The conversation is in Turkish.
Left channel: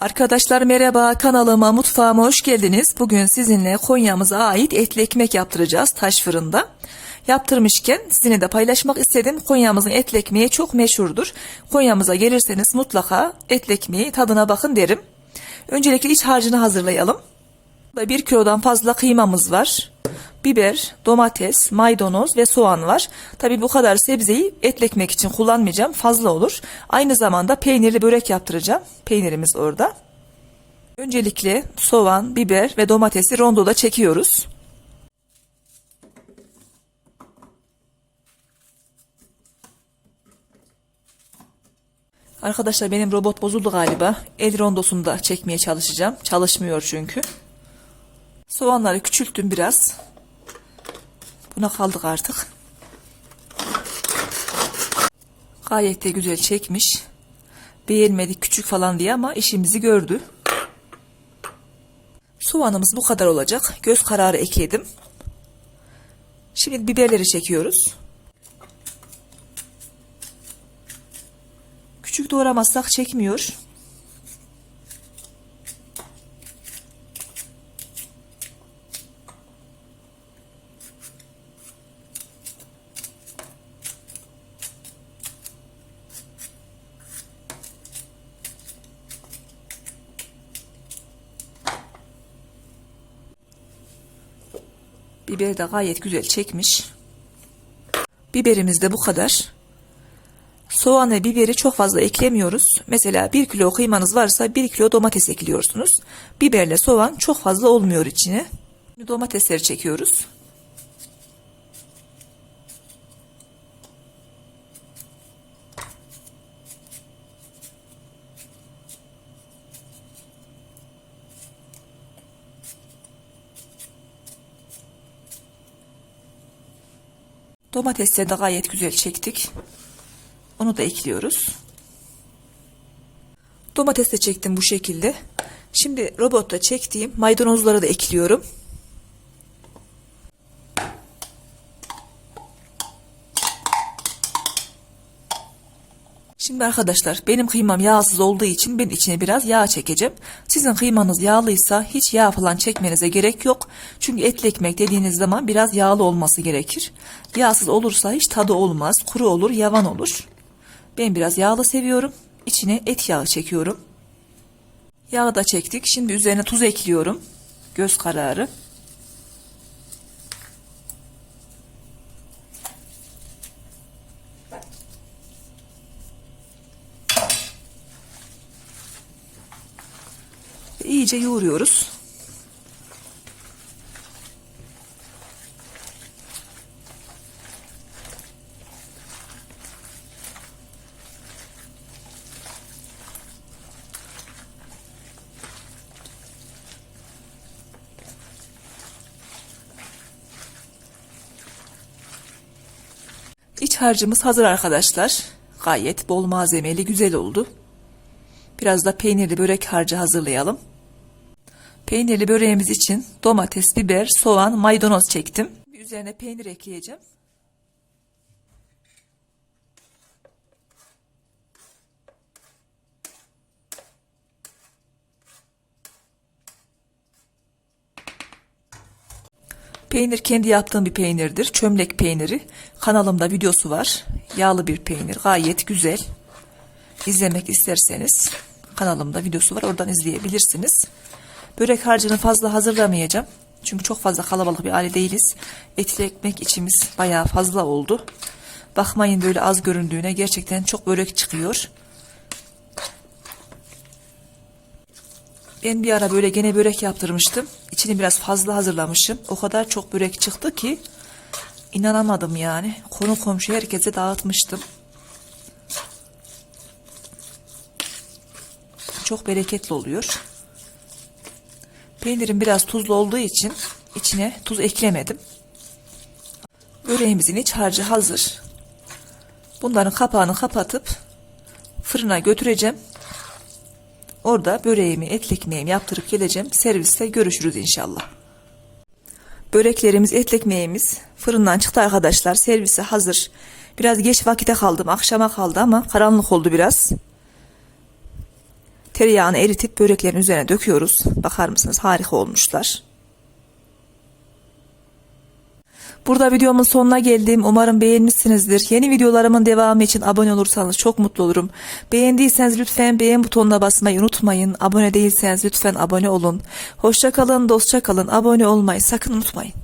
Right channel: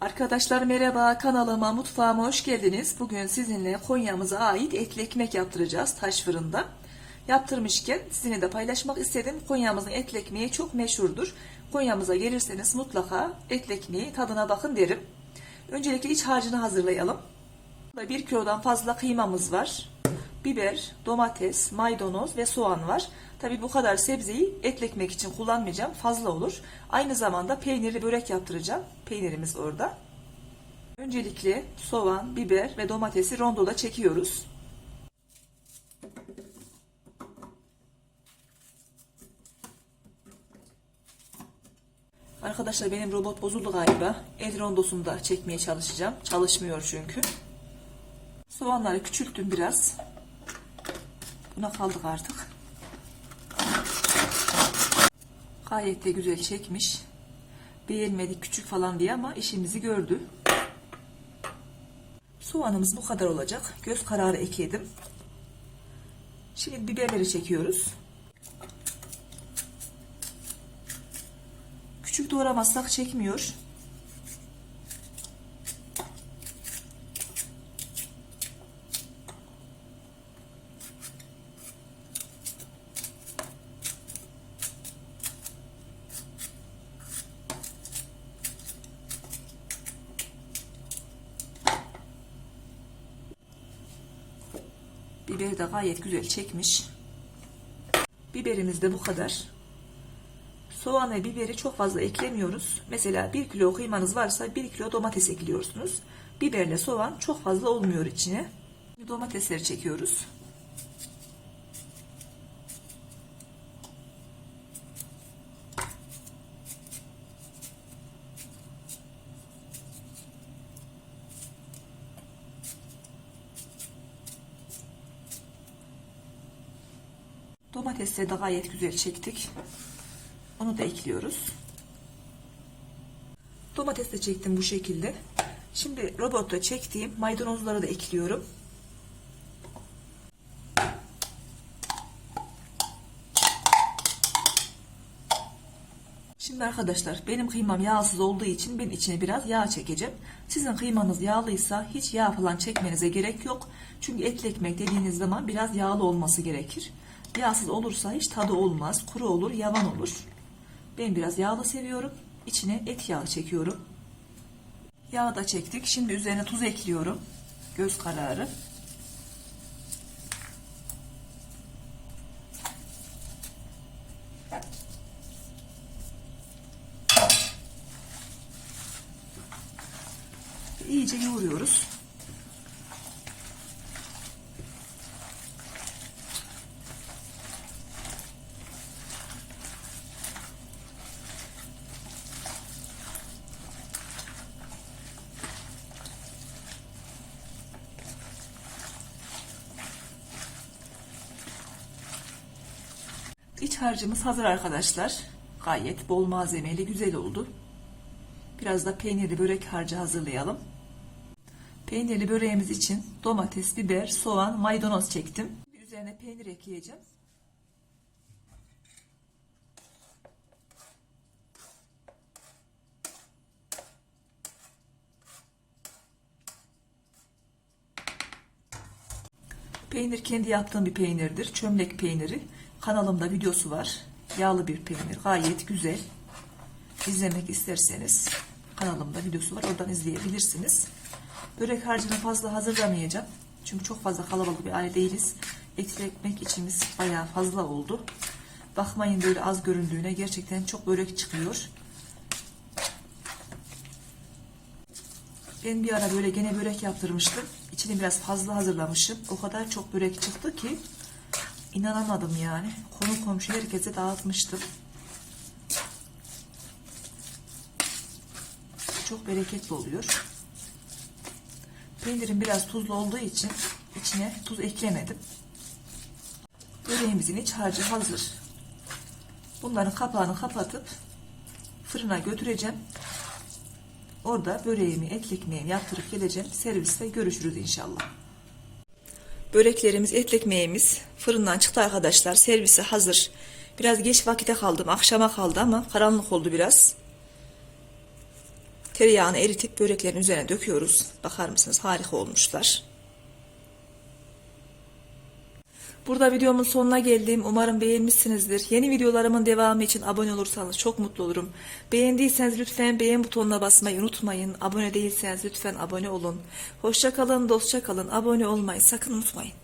Arkadaşlar merhaba kanalıma mutfağıma hoş geldiniz. Bugün sizinle Konya'mıza ait etli ekmek yaptıracağız taş fırında. Yaptırmışken sizinle de paylaşmak istedim. Konya'mızın etli ekmeği çok meşhurdur. Konya'mıza gelirseniz mutlaka etli ekmeği tadına bakın derim. Öncelikle iç harcını hazırlayalım. Burada 1 kilodan fazla kıymamız var. Biber, domates, maydanoz ve soğan var. Tabi bu kadar sebzeyi etli ekmek için kullanmayacağım. Fazla olur. Aynı zamanda peynirli börek yaptıracağım. Peynirimiz orada. Öncelikle soğan, biber ve domatesi rondoda çekiyoruz. Arkadaşlar benim robot bozuldu galiba. El rondosunda çekmeye çalışacağım. Çalışmıyor çünkü. Soğanları küçülttüm biraz. Buna kaldık artık. Gayet de güzel çekmiş. Beğenmedik küçük falan diye ama işimizi gördü. Soğanımız bu kadar olacak. Göz kararı ekledim. Şimdi biberleri çekiyoruz. Küçük doğramazsak çekmiyor. Biber de gayet güzel çekmiş. Biberimiz de bu kadar. Soğan ve biberi çok fazla eklemiyoruz. Mesela 1 kilo kıymanız varsa 1 kilo domates ekliyorsunuz. Biberle soğan çok fazla olmuyor içine. Domatesleri çekiyoruz. Domatesleri de gayet güzel çektik. Onu da ekliyoruz. Domates de çektim bu şekilde. Şimdi robotta çektiğim maydanozları da ekliyorum. Şimdi arkadaşlar benim kıymam yağsız olduğu için ben içine biraz yağ çekeceğim. Sizin kıymanız yağlıysa hiç yağ falan çekmenize gerek yok. Çünkü etli ekmek dediğiniz zaman biraz yağlı olması gerekir. Yağsız olursa hiç tadı olmaz. Kuru olur, yavan olur. Ben biraz yağlı seviyorum. İçine et yağı çekiyorum. Yağı da çektik. Şimdi üzerine tuz ekliyorum. Göz kararı. İyice yoğuruyoruz. İç harcımız hazır arkadaşlar. Gayet bol malzemeli güzel oldu. Biraz da peynirli börek harcı hazırlayalım. Peynirli böreğimiz için domates, biber, soğan, maydanoz çektim. Üzerine peynir ekleyeceğim. Peynir kendi yaptığım bir peynirdir. Çömlek peyniri. Kanalımda videosu var. Yağlı bir peynir. Gayet güzel. İzlemek isterseniz kanalımda videosu var. Oradan izleyebilirsiniz. Börek harcını fazla hazırlamayacağım. Çünkü çok fazla kalabalık bir aile değiliz. Etli ekmek içimiz bayağı fazla oldu. Bakmayın böyle az göründüğüne gerçekten çok börek çıkıyor. Ben bir ara böyle gene börek yaptırmıştım. İçini biraz fazla hazırlamışım. O kadar çok börek çıktı ki inanamadım yani. Konu komşu herkese dağıtmıştım. Çok bereketli oluyor. Peynirim biraz tuzlu olduğu için içine tuz eklemedim. Böreğimizin iç harcı hazır. Bunların kapağını kapatıp fırına götüreceğim. Orada böreğimi, etli ekmeğimi yaptırıp geleceğim. Serviste görüşürüz inşallah. Böreklerimiz, etli ekmeğimiz fırından çıktı arkadaşlar. Servise hazır. Biraz geç vakite kaldım. Akşama kaldı ama karanlık oldu biraz. Tereyağını eritip böreklerin üzerine döküyoruz. Bakar mısınız harika olmuşlar. Burada videomun sonuna geldim. Umarım beğenmişsinizdir. Yeni videolarımın devamı için abone olursanız çok mutlu olurum. Beğendiyseniz lütfen beğen butonuna basmayı unutmayın. Abone değilseniz lütfen abone olun. Hoşça kalın, dostça kalın. Abone olmayı sakın unutmayın.